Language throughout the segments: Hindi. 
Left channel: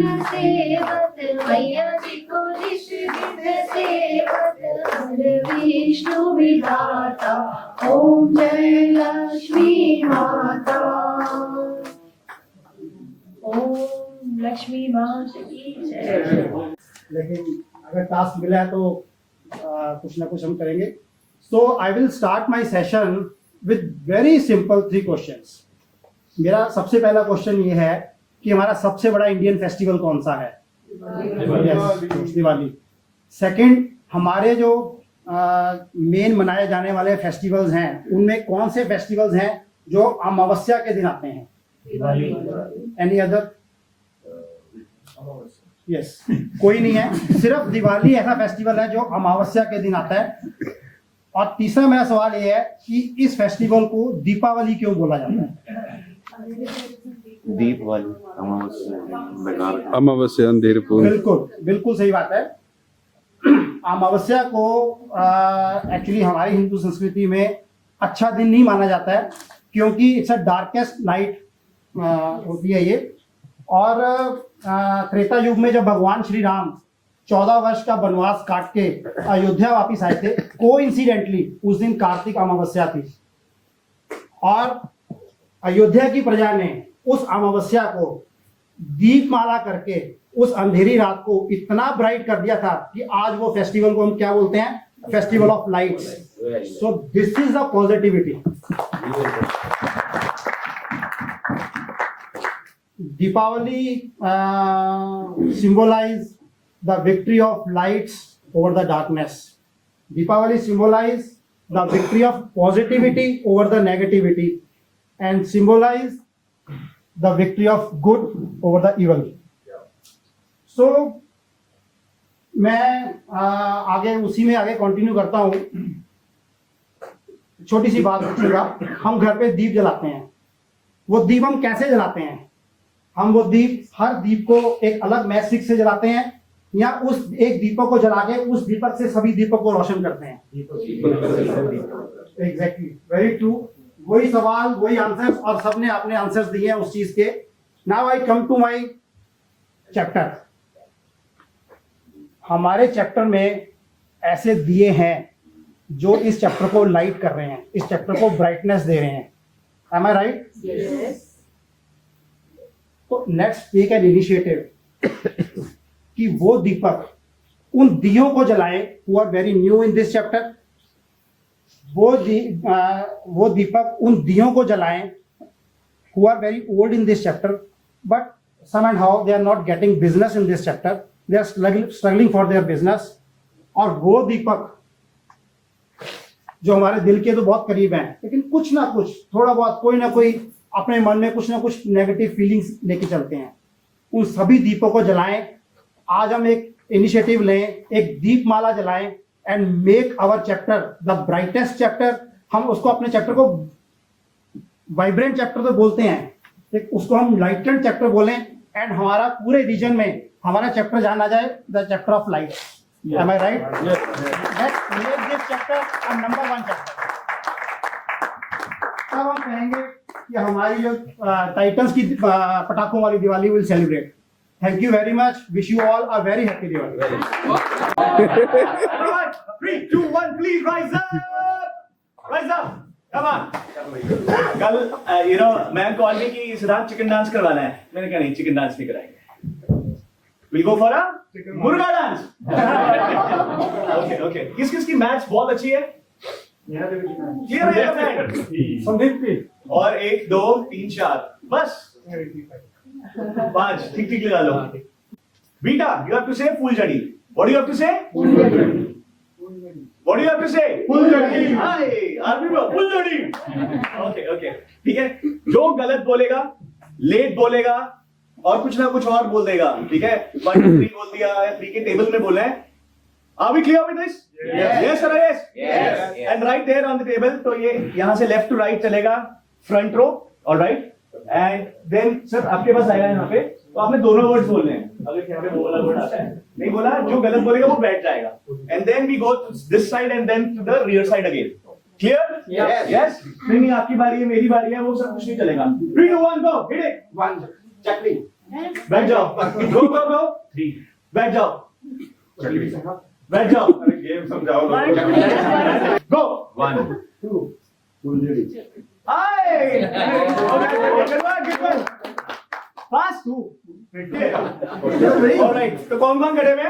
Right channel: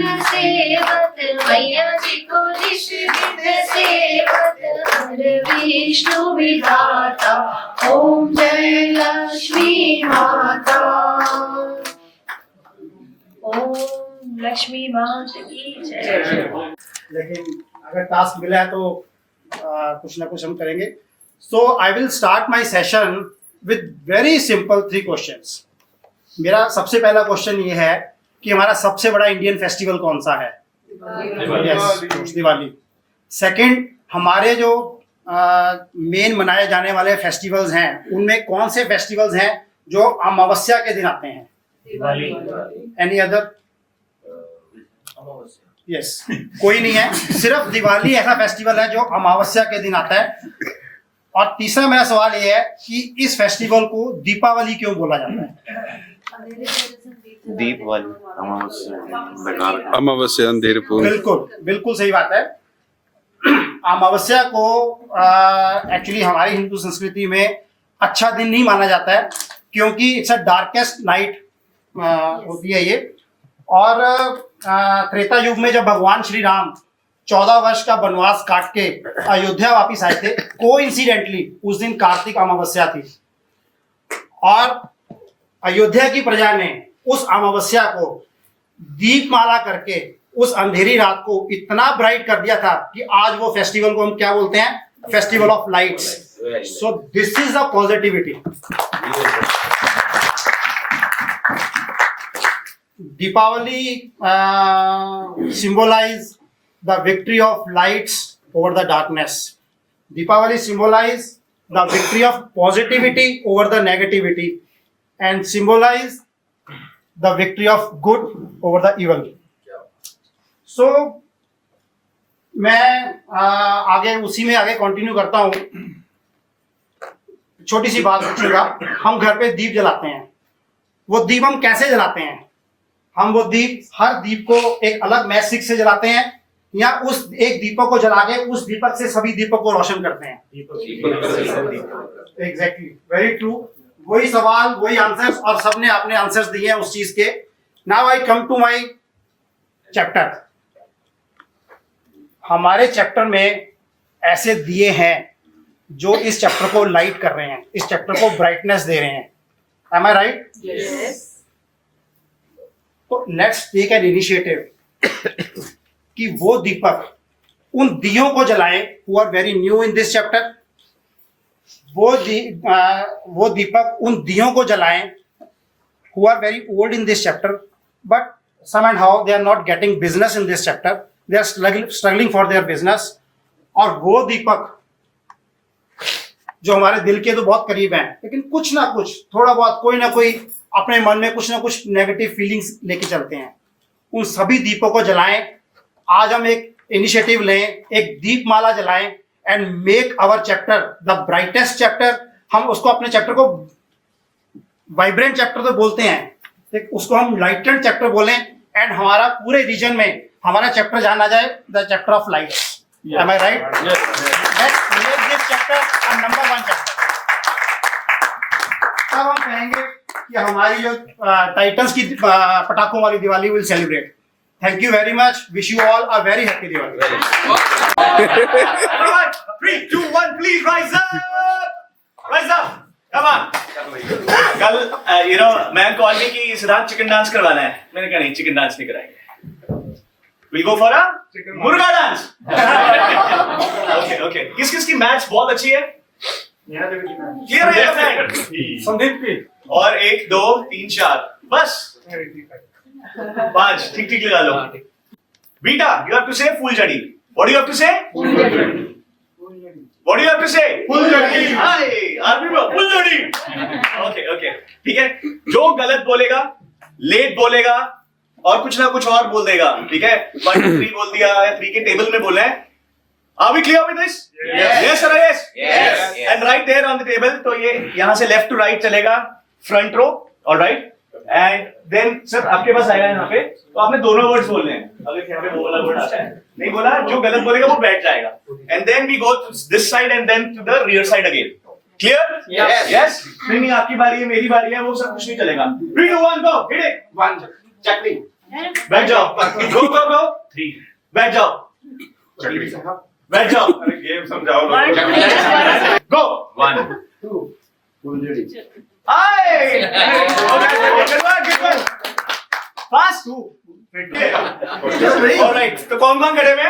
विघ्न सेवत, मैया जी को निष्विघ्न सेवत, हर विष्णु विधाता, ओम जय लक्ष्मी माता। ओम लक्ष्मी माता की जय। लेकिन अगर टास्क मिला है तो कुछ ना कुछ हम करेंगे। So I will start my session with very simple 3 questions. मेरा सबसे पहला क्वेश्चन ये है कि हमारा सबसे बड़ा इंडियन फेस्टिवल कौन सा है? यस, दिवाली। सेकंड, हमारे जो मेन मनाए जाने वाले फेस्टिवल्स हैं उनमें कौन से फेस्टिवल्स हैं जो अमावस्या के दिन आते हैं? दिवाली। Any other? यस, कोई नहीं है, सिर्फ दिवाली ऐसा फेस्टिवल है जो अमावस्या के दिन आता है। और तीसरा मेरा सवाल ये है कि इस फेस्टिवल को दीपावली क्यों बोला जाता है? दीपावली अमावस्या अंधेर को। बिल्कुल बिल्कुल सही बात है। अमावस्या को एक्चुअली हमारी हिंदू संस्कृति में अच्छा दिन नहीं माना जाता है क्योंकि इट्स अ डार्केस्ट नाइट होती है ये। और त्रेता युग में जब भगवान श्री राम 14 वर्ष का वनवास काट के अयोध्या वापिस आए थे, कोइंसिडेंटली उस दिन कार्तिक अमावस्या थी और अयोध्या की प्रजा ने उस अमावस्या को दीपमाला करके उस अंधेरी रात को इतना ब्राइट कर दिया था कि आज वो फेस्टिवल को हम क्या बोलते हैं? Festival of lights. So this is the positivity. Deepavali symbolize the victory of lights over the darkness. Deepavali symbolize the victory of positivity over the negativity and symbolize the victory of good over the evil. So मैं आगे उसी में आगे कंटिन्यू करता हूँ। छोटी सी बात पूछूंगा, हम घर पे दीप जलाते हैं, वो दीप हम कैसे जलाते हैं? हम वो दीप, हर दीप को एक अलग मैच स्टिक से जलाते हैं या उस एक दीपक को जला के उस दीपक से सभी दीपक को रोशन करते हैं? Exactly, very true. वही सवाल, वही आंसर्स और सबने अपने आंसर्स दिए हैं उस चीज के। Now I come to my chapter. हमारे चैप्टर में ऐसे दिए हैं जो इस चैप्टर को लाइट कर रहे हैं, इस चैप्टर को ब्राइटनेस दे रहे हैं। M I right? यस। तो लेट्स टेक एन इनिशिएटिव कि वो दीपक उन दियों को जलाएं who are very new in this chapter। वो दीपक उन दियों को जलाएं who are very old in this chapter but somehow they are not getting business in this chapter, they are struggling for their business। और वो दीपक जो हमारे दिल के तो बहुत करीब हैं लेकिन कुछ ना कुछ, थोड़ा बहुत, कोई ना कोई अपने मन में कुछ ना कुछ नेगेटिव फीलिंग्स लेके चलते हैं, उन सभी दीपों को जलाएं। आज हम एक इनिशिएटिव लें, एक दीपमाला जलाएं and make our chapter the brightest chapter. हम उसको, अपने चैप्टर को वाइब्रेंट चैप्टर तो बोलते हैं, उसको हम लाइटेंड चैप्टर बोलें एंड हमारा पूरे रीजन में हमारा चैप्टर जाना जाए the chapter of lights. Am I right? Let's make this chapter number 1 chapter. तब हम कहेंगे कि हमारी जो टाइटंस की पटाखों वाली Diwali will celebrate. Thank you very much, wish you all a very happy Diwali. 3, 2, 1, please rise up, come on। कल मैं कॉल में कि इस रात चिकन डांस करवाना है, मैंने कहा नहीं, चिकन डांस नहीं कराएंगे, we'ल गो फॉर अ मुर्गा डांस। ओके, किस किस की मैच बहुत अच्छी है? क्लियर है? संदीप की और 1 2 3 4 बस 5 ठीक लगा लो। बीटा, you have to say phuljhadi. What do you have to say? What do you have to say? फूलझड़ी। Hi, army में फूलझड़ी। ओके, ठीक है। जो गलत बोलेगा, लेट बोलेगा और कुछ ना कुछ और बोल देगा, ठीक है? 1 2 3 बोल दिया या 3 के टेबल में बोला है। Are we clear with this? Yes or yes? Yes. And right there on the table, तो ये यहाँ से लेफ्ट टू राइट चलेगा, front row, alright? And then sir आपके पास आएगा यहाँ पे, तो आपने दोनों वर्ड्स बोलने हैं। अगर यहाँ पे वो वाला वर्ड आता है, नहीं बोला, जो गलत बोलेगा वो बैठ जाएगा। And then we go this side and then to the rear side again. Clear? Yes? नहीं, आपकी बारी है, मेरी बारी है, वो सब कुछ नहीं चलेगा। 3 2 1 गो, हिट इट। 1 चक्री बैठ जाओ, गो गो गो, 3 बैठ जाओ, बैठ जाओ, गेम समझाओ One, लोगों three, go 1 hi good one fast 2 alright, तो कौन कौन खड़े में?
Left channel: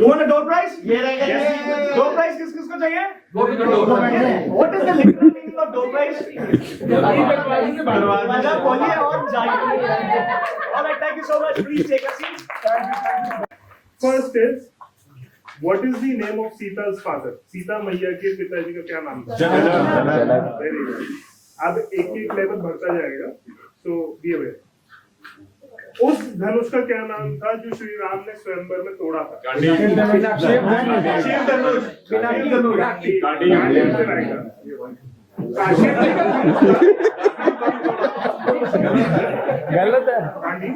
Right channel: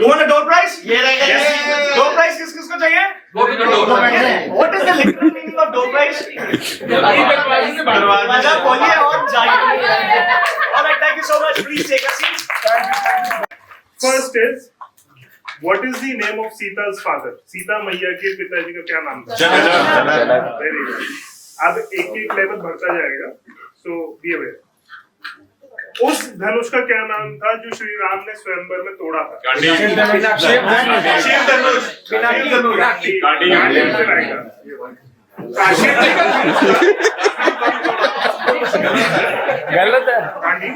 You want a door prize? ये रहेगा डोर प्राइज किस किस को चाहिए? What is the literal meaning of door prize? दरवाजा खोलिए और जाइए। Alright, thank you so much, please take a seat. First is, what is the name of Sita's father? Sita मैया के पिताजी का क्या नाम था? जनक। Very good. अब एक एक लेवल बढ़ता जाएगा, so be aware. उस धनुष का क्या नाम था जो श्री राम ने स्वयंवर में तोड़ा था? शिव धनुष, शिव धनुष, गांडीव से लाएगा। गलत है। गांडीव?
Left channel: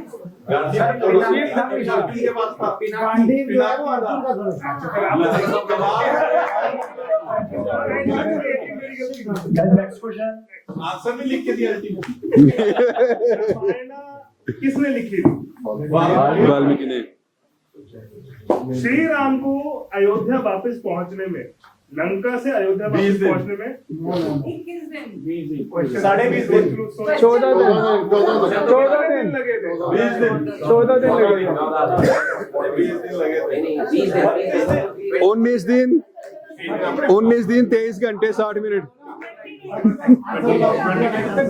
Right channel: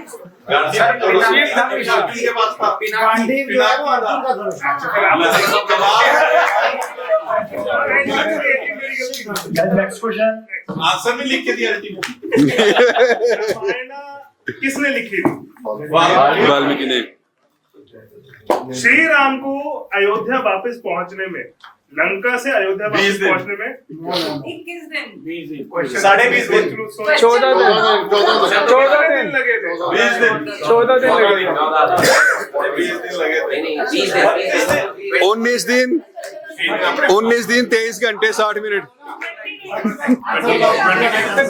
गांडीव जो है वो अर्जुन का धनुष है। Next question. आंसर में लिख के दिया रामायण किसने लिखी थी? वाल्मीकि ने। श्री राम को अयोध्या वापस पहुंचने में, लंका से अयोध्या 20 वापस दिन। पहुंचने में 21 दिन। 20.5 दिन। 14 दिन। 14 दिन लगे थे। 20 दिन 14 दिन लगे। 20 दिन लगे थे। 19 दिन 23 घंटे 60 मिनट।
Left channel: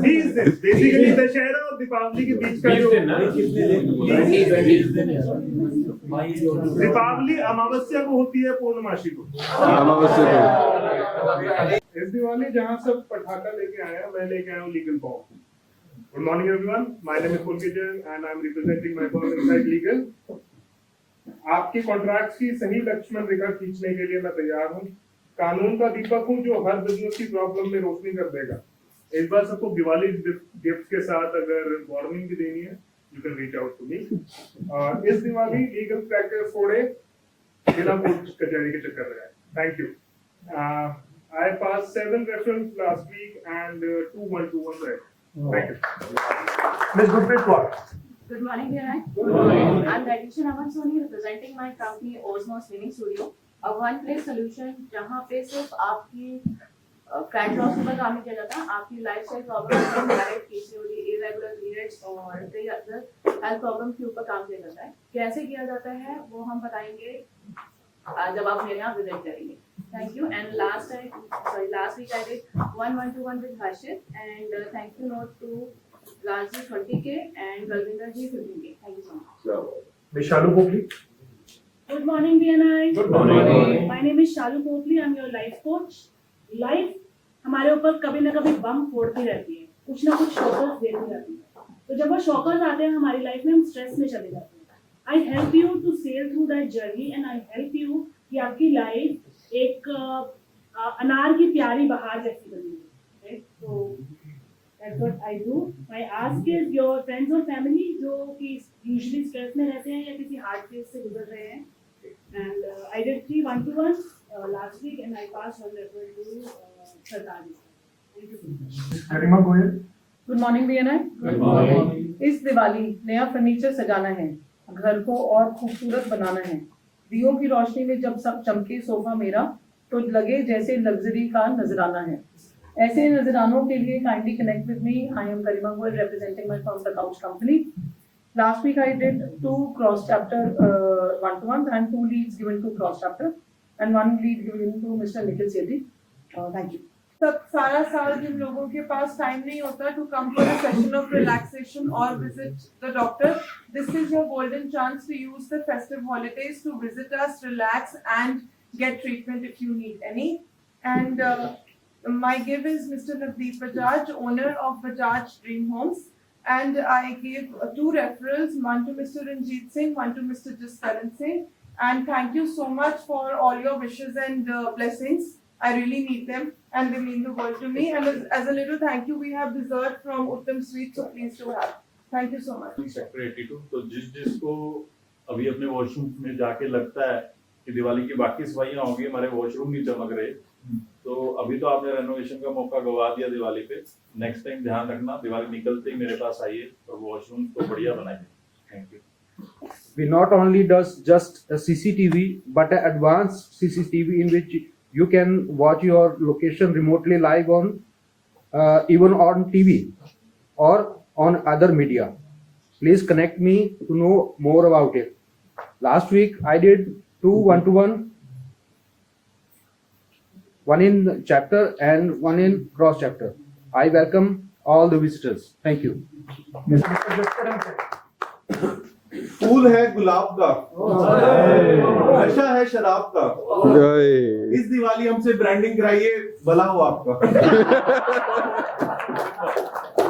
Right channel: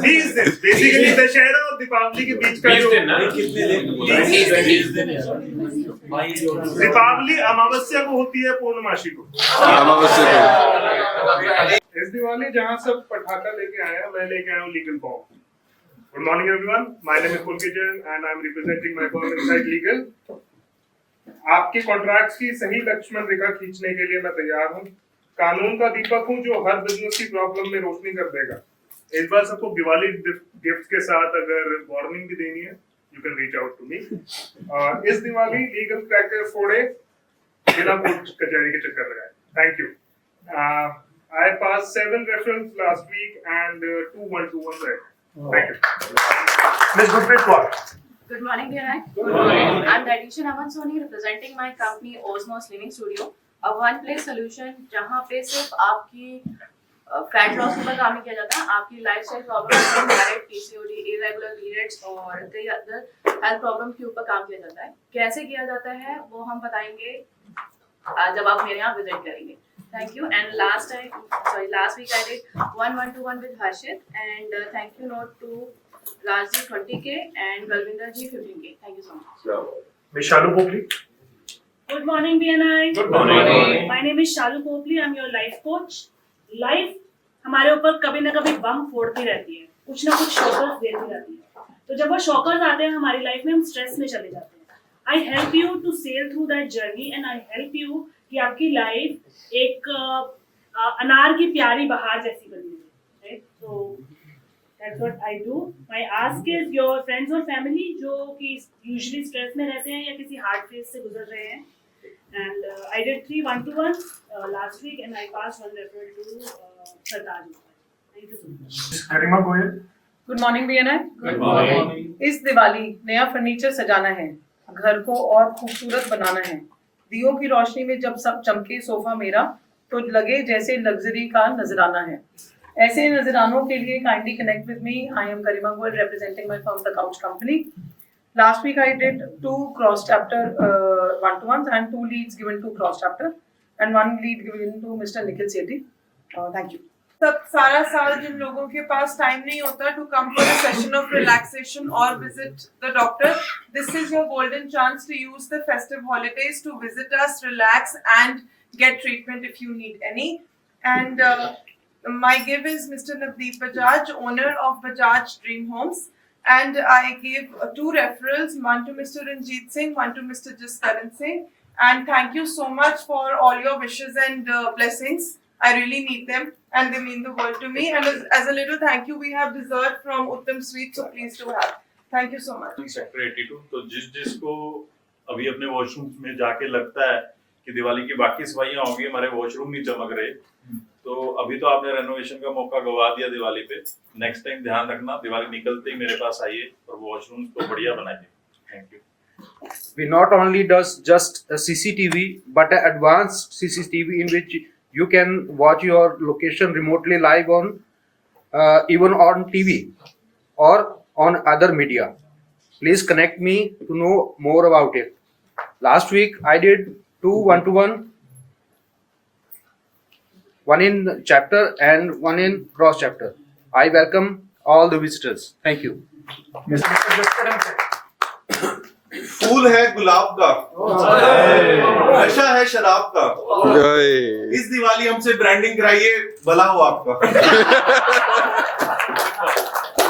20 दिन बेसिकली दशहरा और दीपावली के बीच का जो दीपावली अमावस्या को होती है, पूर्णमासी को। इस दिवाली जहां सब पटाखा लेके आए हैं, मैं लेके आया हूँ legal form. Good morning everyone, my name is Pulkit and I am representing my firm inside legal. आपके कॉन्ट्रैक्ट्स की सही लक्ष्मण रेखा खींचने के लिए मैं तैयार हूँ। कानून का दीपक हूँ जो हर बिजनेस की प्रॉब्लम में रोशनी कर देगा। इस बार सबको दिवाली गिफ्ट के साथ अगर वार्निंग भी देनी है, you can reach out to me. इस दिवाली लीगल क्रैकर फोड़े, बिना कोर्ट कचहरी के चक्कर लगाए। Thank you. I passed 7 referrals last week and 2 1-to-1 right. Thank you. Ms. Gurpreet Kaur. Good morning, dear. Good morning. I'm Radisha Naman Soni, representing my company Osmos Living Studio, a one-place solution जहाँ पे सिर्फ आपकी फैट लॉस के ऊपर काम नहीं किया जाता, आपकी lifestyle problem, direct PCOD, irregular periods और कई अदर हेल्थ प्रॉब्लम के ऊपर काम किया जाता है। कैसे किया जाता है वो हम बताएंगे जब आप मेरे यहाँ विजिट करेंगे। Thank you. And last week I did 1 1-to-1 with Harshit, and thank you note to Rajji 20K and Balvinder ji 15K. Thank you so much. Ms. Shalu Popli. Good morning, BNI. Good morning. My name is Shalu Popli. I'm your life coach. Life हमारे ऊपर कभी ना कभी बम फोड़ती रहती है, कुछ ना कुछ शॉकर्स देती रहती है। तो जब वो शॉकर्स आते हैं हमारी लाइफ में, हम स्ट्रेस में चले जाते हैं। I help you to sail through that journey and I help you कि आपकी लाइफ एक अनार की प्यारी बहार जैसी बनी है, right? So that's what I do. My ask is your friends और family जो कि usually stress में रहते हैं या किसी hard phase से गुजर रहे हैं, and I did 3 1-to-1 last week and I passed 1 referral to Sardar ji. Thank you so much. Garima Goyal. Good morning BNI. Good morning. इस दिवाली नया फर्नीचर सजाना है, घर को और खूबसूरत बनाना है। दियों की रोशनी में जब सब चमके सोफा मेरा, तो लगे जैसे लग्जरी का नजराना है। ऐसे नजरानों के लिए kindly connect with me. I am Garima Goyal, representing my firm The Couch Company. Last week I did 2 cross chapter 1-to-1s and 2 leads given to cross chapter and 1 lead given to Mr. Nikhil Sethi. Thank you. सब सारा साल जिन लोगों के पास टाइम नहीं होता to come for a session of relaxation or visit the doctor, this is your golden chance to use the festive holidays to visit us, relax and get treatment if you need any. And my give is Mr. Navdeep Bajaj, owner of Bajaj Dream Homes, and I gave 2 referrals, one to Mr. Ranjit Singh, one to Mr. Jaskaran Singh. And thank you so much for all your wishes and blessings. I really need them and they mean the world to me. And as a little thank you, we have dessert from Uttam Sweet, so please do have. Thank you so much. Sector 82। तो जिसको अभी अपने वॉशरूम में जाके लगता है कि दिवाली की बाकी सफाइयां होंगी, हमारे वॉशरूम नहीं चमक रहे, तो अभी तो आपने रेनोवेशन का मौका गवा दिया दिवाली पे। नेक्स्ट टाइम ध्यान रखना, दिवाली निकलते ही मेरे पास आइए और वॉशरूम को बढ़िया बनाइए। Thank you. We not only does just a CCTV, but an advanced CCTV in which you can watch your location remotely live on even on TV or on other media. Please connect me to know more about it. Last week I did 2 1-to-1, one in chapter and one in cross chapter. I welcome all the visitors. Thank you. फूल है गुलाब का, नशा है शराब का। इस दिवाली हमसे ब्रांडिंग कराइए, भला हो आपका।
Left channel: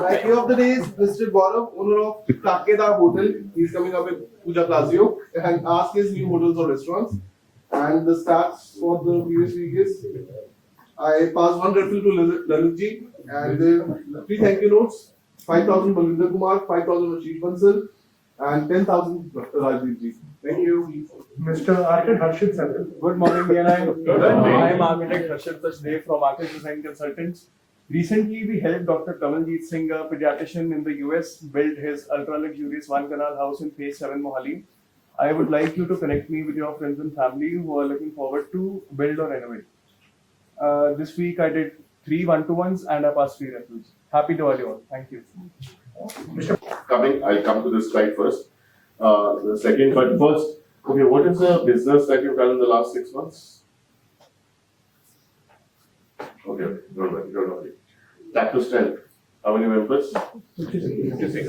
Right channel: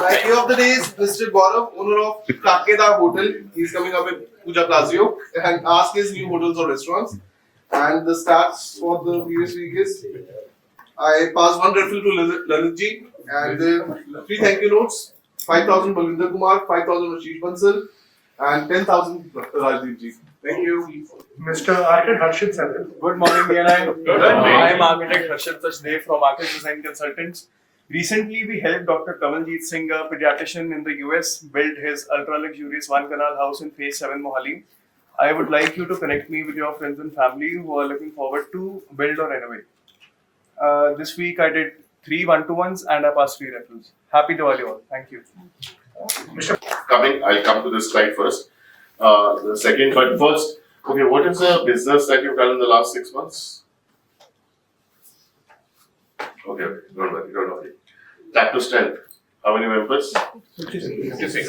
Idea of the day is Mr. Gaurav, owner of Kakeda Hotel. He's coming up with Puja Palacio and ask his new hotels or restaurants. And the stats for the previous week is I passed 1 referral to Lalit ji and 3 thank you notes, 5,000 Balwinder Kumar, 5,000 Ashish Bansal and 10,000 Rajdeep ji. Thank you. Mr. Architect Harshit sir. Good morning, DNI. I am architect Harshit Sachdev from Architect Design Consultants. Recently, we helped Dr. Kamaljeet Singh, a pediatrician in the US, build his ultra-luxurious one-canal house in Phase 7 Mohali. I would like you to connect me with your friends and family who are looking forward to build or renovate. This week, I did 3 1-to-1s and I passed 3 referrals. Happy Diwali all. Thank you. I'll come to this slide first. The second, but first, okay, what is the business that you've done in the last 6 months? Okay, don't worry. Tap to strength. How many members? 56.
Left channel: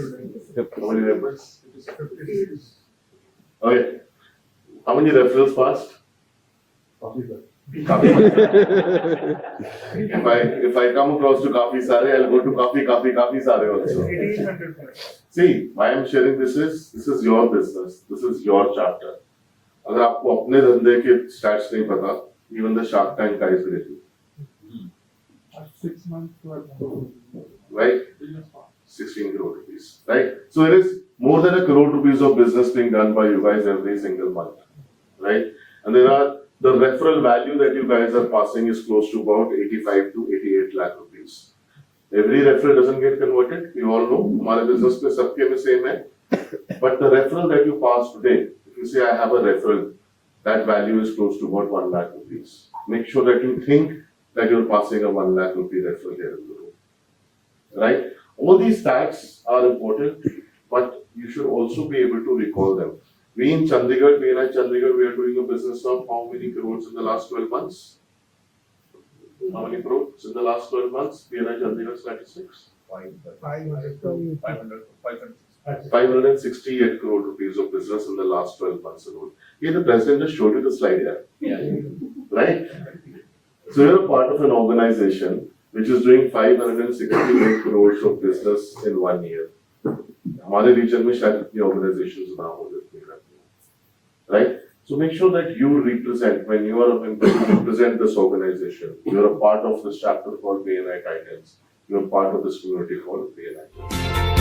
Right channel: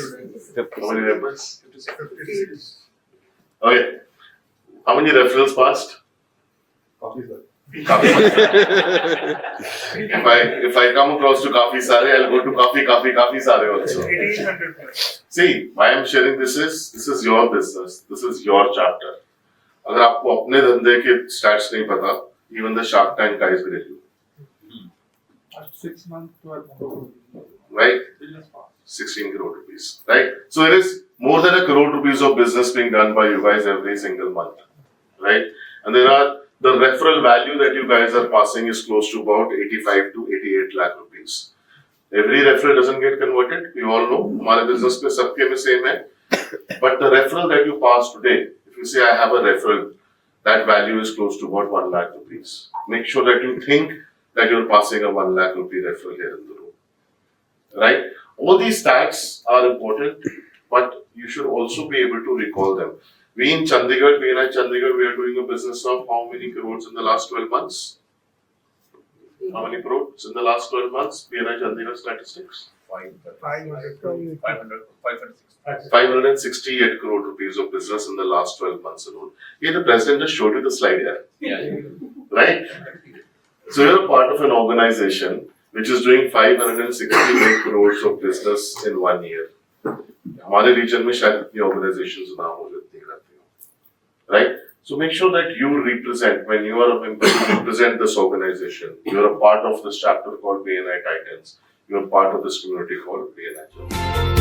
How many members? 56. Okay. How many referrals passed? If I come across to Kafi Sare, I'll go to Kafi Sare also. 1800. See, why I'm sharing this is your business. This is your chapter. अगर आपको अपने धंधे के stats नहीं पता, even the Shark Tank guys will tell you. 6 months worth. Right? 16 crore rupees. Right? So there is more than 1 crore rupees of business being done by you guys every single month. Right? And the referral value that you guys are passing is close to about 85 to 88 lakh rupees. Every referral doesn't get converted. You all know. हमारे business में सबके में same है. But the referral that you pass today, if you say I have a referral, that value is close to about 1 lakh rupees. Make sure that you think that you're passing a 1 lakh rupee referral here in the room. Right? All these stats are important, but you should also be able to recall them. We in Chandigarh, we are doing a business of how many crores in the last 12 months? How many crores in the last 12 months? BNI Chandigarh statistics? 568 crore rupees of business in the last 12 months alone. Here the president just showed you the slide here. Yeah. Right? So you're a part of an organization which is doing 568 crores of business in 1 year. हमारे region में शायद इतनी organizations ना हो जितनी करती हैं, right? So make sure that you represent, when you are a member, you represent this organization. You're a part of this chapter called BNI Titans. You're part of this community called BNI.